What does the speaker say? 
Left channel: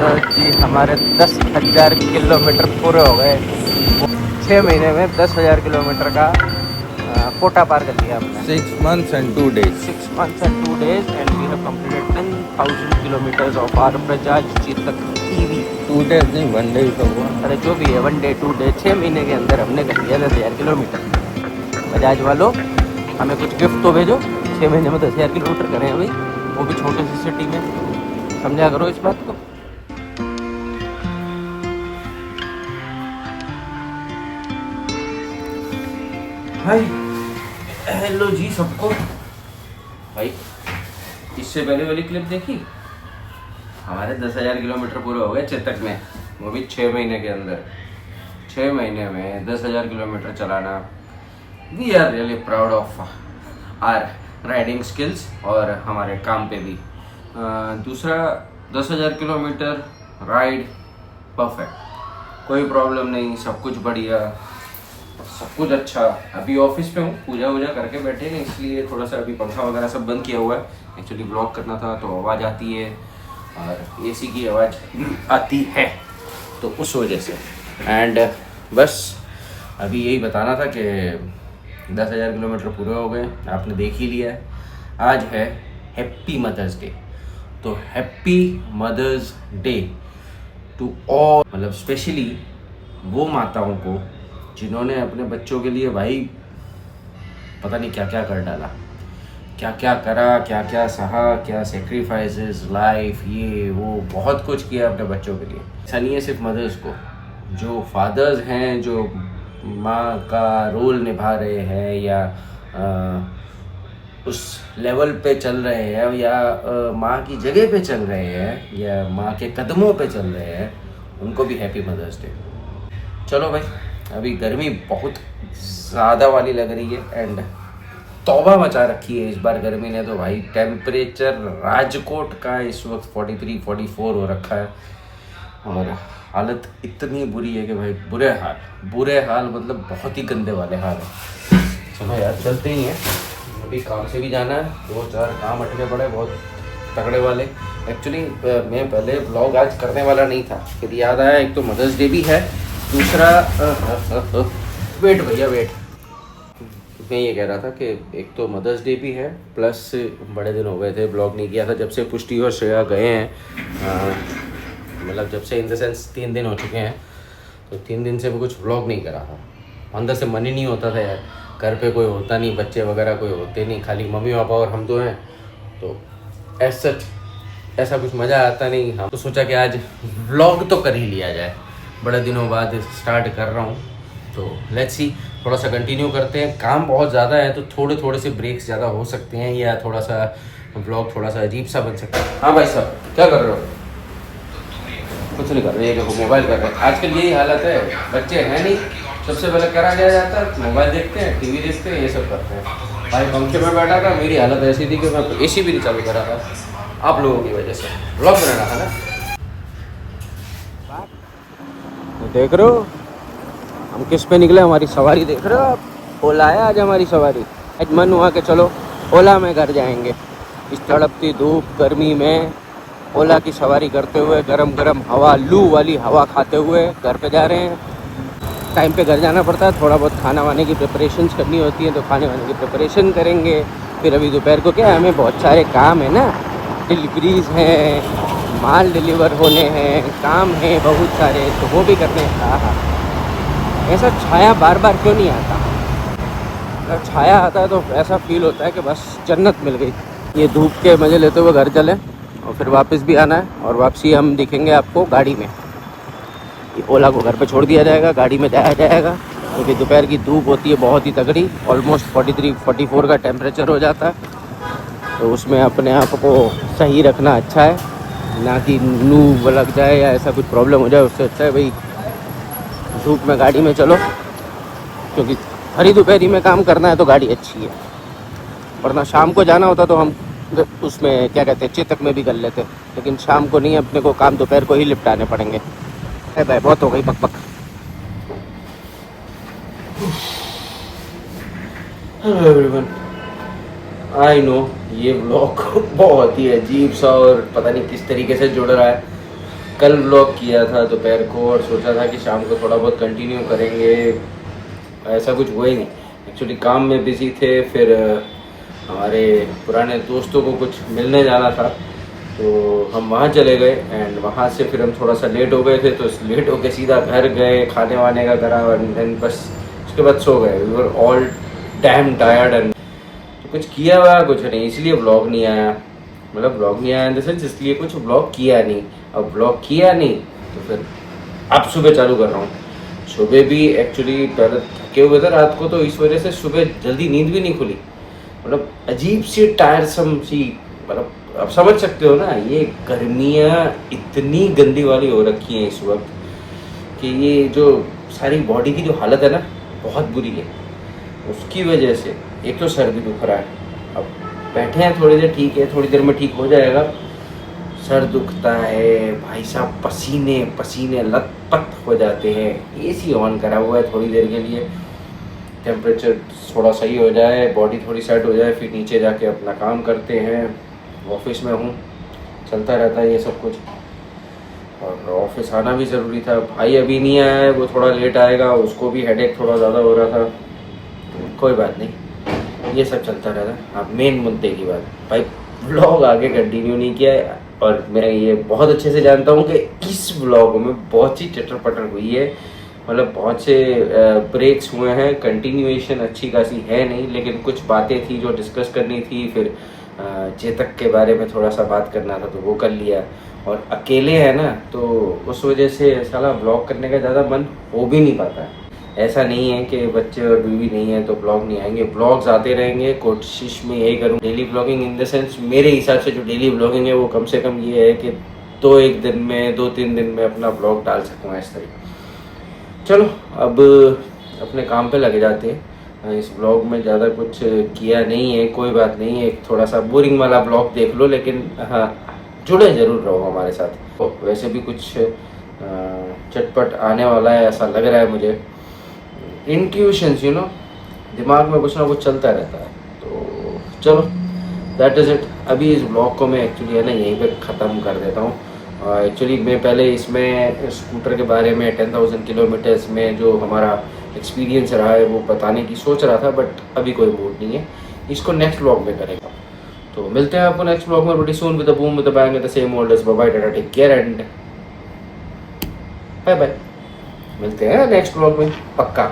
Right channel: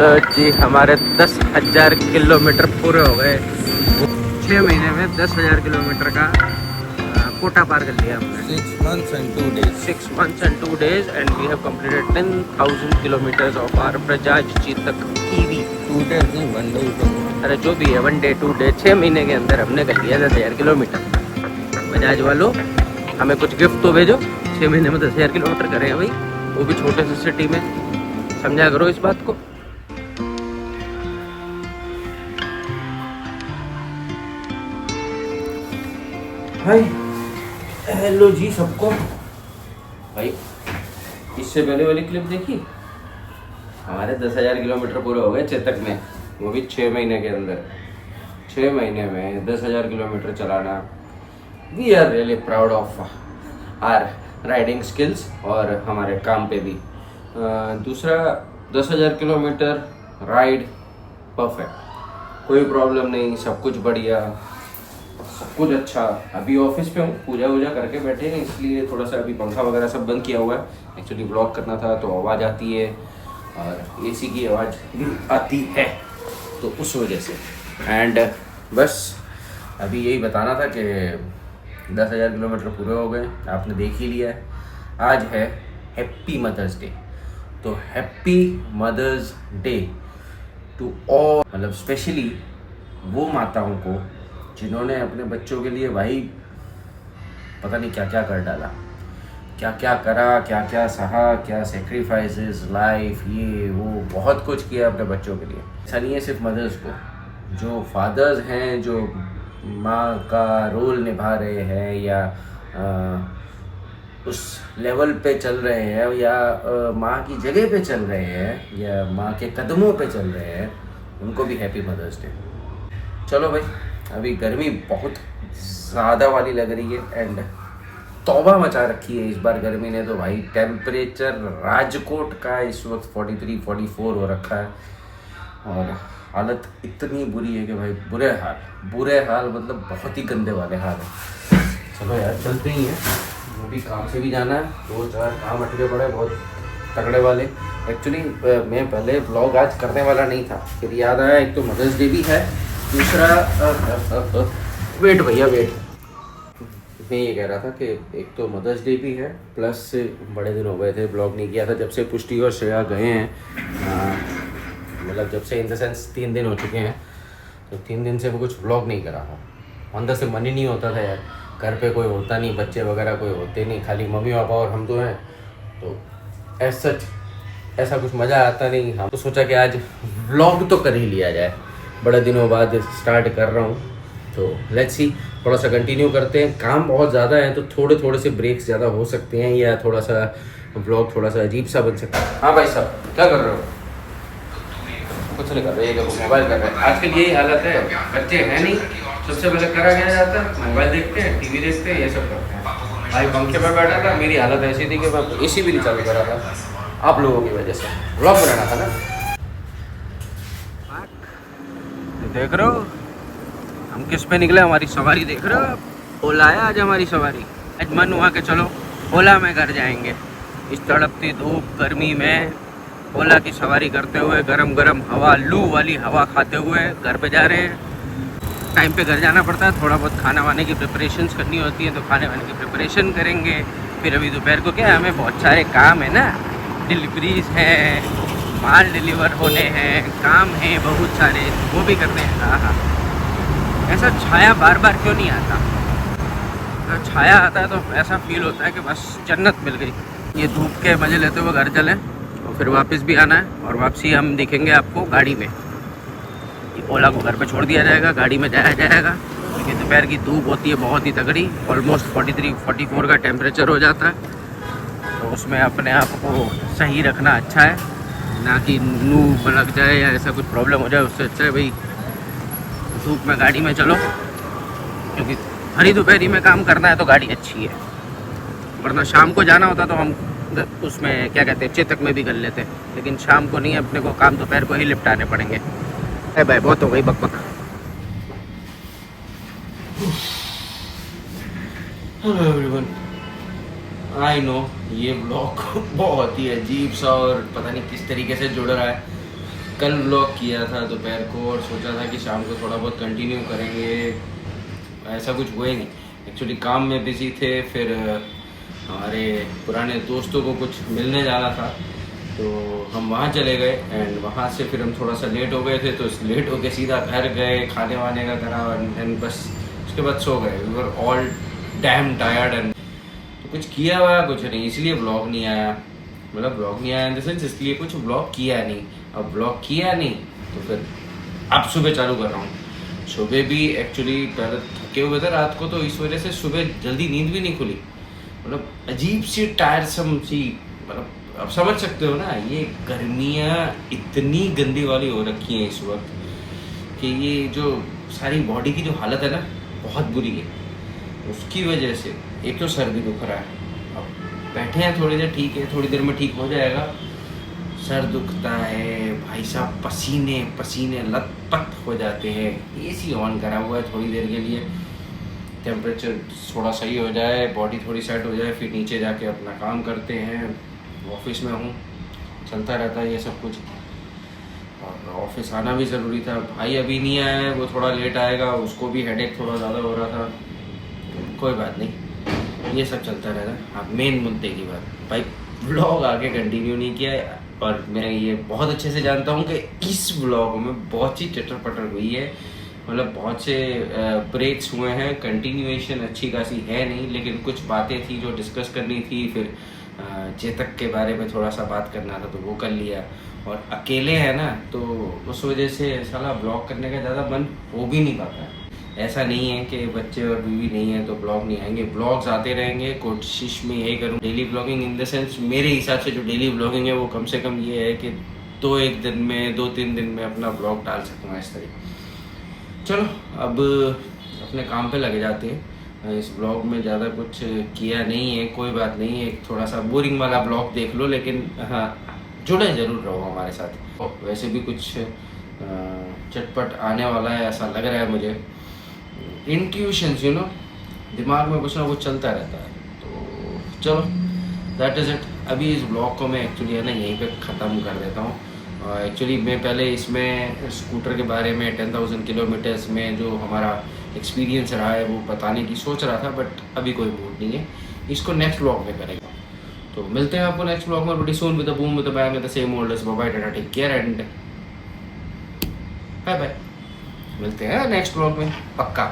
लो जी, हमारे 10,000 किलोमीटर पूरे हो गए। 6 महीने में 10,000 किलोमीटर का कोटा पार कर लिया हमने। 6 months and 2 days. 6 months and 2 days and we have completed 10,000 kilometers of our Bajaj Chetak EV। 2 days नहीं, 1 day का वो। अरे जो भी है, 1 day 2 day, 6 महीने के अंदर हमने कर लिया 10,000 किलोमीटर। बजाज वालों, हमें कुछ गिफ्ट तो भेजो। 6 महीने में 10,000 किलोमीटर करें भाई, वो भी छोटे से सिटी में। समझा करो इस बात को। हाय, हेलो जी सबको। भाई इससे पहले वाली क्लिप देखी, हमारे 10,000 किलोमीटर पूरे हो गए चेतक में, वो भी 6 महीने के अंदर। 6 महीने में 10,000 किलोमीटर चलाना, we are really proud of our riding skills और हमारे काम पे भी। दूसरा, 10,000 किलोमीटर राइड परफेक्ट, कोई प्रॉब्लम नहीं, सब कुछ बढ़िया, सब कुछ अच्छा। अभी ऑफिस पे हूँ, पूजा वूजा करके बैठे हैं, इसलिए थोड़ा सा अभी पंखा वगैरह सब बंद किया हुआ है। एक्चुअली ब्लॉग करना था तो आवाज़ आती है और एसी की आवाज़ आती है, तो उस वजह से। एंड बस अभी यही बताना था कि 10,000 किलोमीटर पूरे हो गए, आपने देख ही लिया है। आज है हैप्पी मदर्स डे, तो happy mother's day to all, मतलब स्पेशली वो माताओं को जिन्होंने अपने बच्चों के लिए भाई पता नहीं क्या क्या कर डाला, क्या क्या करा, क्या क्या सहा, क्या सेक्रीफाइसेस, लाइफ, ये वो बहुत कुछ किया अपने बच्चों के लिए। ऐसा नहीं है सिर्फ मदर्स को, जो फादर्स हैं, जो माँ का रोल निभा रहे हैं या उस लेवल पे चल रहे हैं या माँ की जगह पे चल रहे हैं या माँ के कदमों पे चल रहे हैं, उनको भी हैप्पी मदर्स डे। चलो भाई, अभी गर्मी बहुत ज़्यादा वाली लग रही है एंड तौबा मचा रखी है इस बार गर्मी ने तो भाई। टेम्परेचर राजकोट का इस वक्त 43-44 हो रखा है और हालत इतनी बुरी है कि भाई बुरे हाल मतलब बहुत ही गंदे वाले हाल है। चलो यार, चलते ही हैं, अभी काम से भी जाना है, 2-4 काम अटके पड़े बहुत तगड़े वाले। एक्चुअली मैं पहले व्लॉग आज करने वाला नहीं था, फिर याद आया एक तो मदर्स डे भी है, दूसरा वेट भैया वेट, मैं ये कह रहा था कि एक तो मदर्स डे भी है, प्लस बड़े दिन हो गए थे ब्लॉग नहीं किया था जब से पुष्टि और श्रेया गए हैं। मतलब जब से इन द सेंस 3 दिन हो चुके हैं, तो 3 दिन से मैं कुछ व्लॉग नहीं करा था। अंदर से मन ही नहीं होता था यार, घर पे कोई होता नहीं, बच्चे वगैरह कोई होते नहीं, खाली मम्मी पापा और हम दो हैं, तो ऐसा कुछ मज़ा आता नहीं। हम तो सोचा कि आज व्लॉग तो कर ही लिया जाए, बड़े दिनों बाद स्टार्ट कर रहा हूँ, तो लेट्स सी, थोड़ा सा कंटिन्यू करते हैं। काम बहुत ज़्यादा है तो थोड़े से ब्रेक्स ज़्यादा हो सकते हैं या थोड़ा सा व्लॉग थोड़ा सा अजीब सा बन सकता है। हाँ भाई साहब, क्या कर रहे हो? कुछ नहीं कर रहे, मोबाइल कर रहे हैं। आजकल यही हालत है, बच्चे हैं नहीं, सबसे पहले करा क्या जाता है, मोबाइल देखते हैं, टीवी देखते हैं, ये सब करते हैं। भाई पंखे में बैठा था, मेरी हालत ऐसी थी कि एसी भी नहीं चालू करा था, आप लोगों की वजह से। व्लॉग बनाना था ना, देख रहे हो हम किस पे निकले, हमारी सवारी देख रहे हो आप। ओला है आज हमारी सवारी। आज मन हुआ कि चलो ओला में घर जाएंगे, इस तड़पती धूप गर्मी में ओला की सवारी करते हुए, गरम गरम हवा, लू वाली हवा खाते हुए घर पे जा रहे हैं। टाइम पे घर जाना पड़ता है, थोड़ा बहुत खाना वाने की प्रिपरेशंस करनी होती है, तो खाने वाने की प्रिपरेशन करेंगे। फिर अभी दोपहर को क्या है, हमें बहुत सारे काम है ना, डिलीवरीज हैं, माल डिलीवर होने हैं, काम हैं बहुत सारे, तो वो भी करने हैं। ऐसा छाया बार बार क्यों नहीं आता? अगर छाया आता है तो ऐसा फील होता है कि बस जन्नत मिल गई। ये धूप के मज़े लेते हुए घर चलें और फिर वापस भी आना है, और वापसी हम दिखेंगे आपको गाड़ी में। ये ओला को घर पे छोड़ दिया जाएगा, गाड़ी में जाया जाएगा, क्योंकि दोपहर की धूप होती है बहुत ही तगड़ी, ऑलमोस्ट 43-44 का टेम्परेचर हो जाता है, तो उसमें अपने आप को सही रखना अच्छा है, ना कि लू लग जाए या ऐसा कुछ प्रॉब्लम हो जाए। उससे अच्छा है भाई धूप में गाड़ी में चलो, क्योंकि हरी दोपहरी में काम करना है तो गाड़ी अच्छी है, वरना शाम को जाना होता तो हम उसमें क्या कहते हैं चेतक में भी कर लेते, लेकिन शाम को नहीं, अपने को काम दोपहर को ही निपटाने पड़ेंगे। अरे भाई बहुत हो गई बक। हेलो एवरीवन, आई नो ये ब्लॉग बहुत ही अजीब सा और पता नहीं किस तरीके से जुड़ रहा है, कल व्लॉग किया था दोपहर को और सोचा था कि शाम को थोड़ा बहुत कंटिन्यू करेंगे, ऐसा कुछ हुआ ही नहीं। एक्चुअली काम में बिजी थे, फिर हमारे पुराने दोस्तों को कुछ मिलने जाना था तो हम वहाँ चले गए एंड वहाँ से फिर हम थोड़ा सा लेट हो गए थे, तो लेट होके सीधा घर गए, खाने वाने का करा और देन बस उसके बाद सो गए। We were all damn tired and तो कुछ किया हुआ कुछ नहीं, इसलिए ब्लॉग नहीं आया। मतलब ब्लॉग नहीं आया इन द सेंस इसलिए कुछ ब्लॉग किया नहीं। अब ब्लॉग किया नहीं तो फिर अब सुबह चालू कर रहा हूँ। सुबह भी एक्चुअली पहले थके हुए थे रात को, तो इस वजह से सुबह जल्दी नींद भी नहीं खुली। मतलब अजीब सी टायरसम सी, मतलब आप समझ सकते हो ना, ये गर्मियाँ इतनी गंदी वाली हो रखी हैं इस वक्त कि ये जो सारी बॉडी की जो हालत है ना बहुत बुरी है। उसकी वजह से एक तो सर भी दुख रहा है, अब बैठे हैं थोड़ी देर, ठीक है थोड़ी देर में ठीक हो जाएगा। सर दुखता है भाई साहब, पसीने पसीने लथपथ हो जाते हैं। एसी ऑन करा हुआ है थोड़ी देर के लिए, टेम्परेचर थोड़ा सही हो जाए, बॉडी थोड़ी सेट हो जाए, फिर नीचे जाके अपना काम करते हैं। ऑफिस में हूँ, चलता रहता है ये सब कुछ, और ऑफिस आना भी ज़रूरी था। भाई अभी नहीं आया है, वो थोड़ा लेट आएगा, उसको भी हेडेक थोड़ा ज़्यादा हो रहा था। कोई बात नहीं, ये सब चलता रहता। अब मेन मुद्दे की बात, भाई व्लॉग आगे कंटिन्यू नहीं किया है और मैं ये बहुत अच्छे से जानता हूँ कि इस व्लॉग में बहुत सी चटर पटर हुई है। मतलब बहुत से ब्रेक्स हुए हैं, कंटिन्यूएशन अच्छी खासी है नहीं, लेकिन कुछ बातें थी जो डिस्कस करनी थी। फिर चेतक के बारे में थोड़ा सा बात करना था तो वो कर लिया, और अकेले है ना तो उस वजह से साला ब्लॉग करने का ज़्यादा मन हो भी नहीं पाता है। ऐसा नहीं है कि बच्चे और बीवी नहीं है तो ब्लॉग नहीं आएंगे, ब्लॉग्स आते रहेंगे। कोशिश में यही करूँ daily blogging, in the sense मेरे हिसाब से जो डेली ब्लॉगिंग है वो कम से कम ये है कि 2-3 दिन में अपना ब्लॉग डाल सकूँ इस तरह। चलो अब अपने काम पे लगे जाते हैं। इस ब्लॉग में ज़्यादा कुछ किया नहीं है, कोई बात नहीं, एक थोड़ा सा बोरिंग वाला ब्लॉग देख लो, लेकिन हाँ जुड़े ज़रूर रहो हमारे साथ। वैसे भी कुछ चटपट आने वाला है ऐसा लग रहा है मुझे। इंट्यूशंस यू नो, दिमाग में कुछ ना कुछ चलता रहता है। तो चलो दैट इज़ इट। अभी इस ब्लॉग को मैं एक्चुअली है ना यहीं पे ख़त्म कर देता हूँ। एक्चुअली मैं पहले इसमें स्कूटर के बारे में 10,000 किलोमीटर्स में जो हमारा एक्सपीरियंस रहा है वो बताने की सोच रहा था, बट अभी कोई मूड नहीं है, इसको नेक्स्ट ब्लॉग में करेगा। तो मिलते हैं आपको नेक्स्ट ब्लॉग में, very soon with a boom with a bang at the same old age. Bye bye, tata, take care and bye bye. मिलते हैं नेक्स्ट ब्लॉग में पक्का।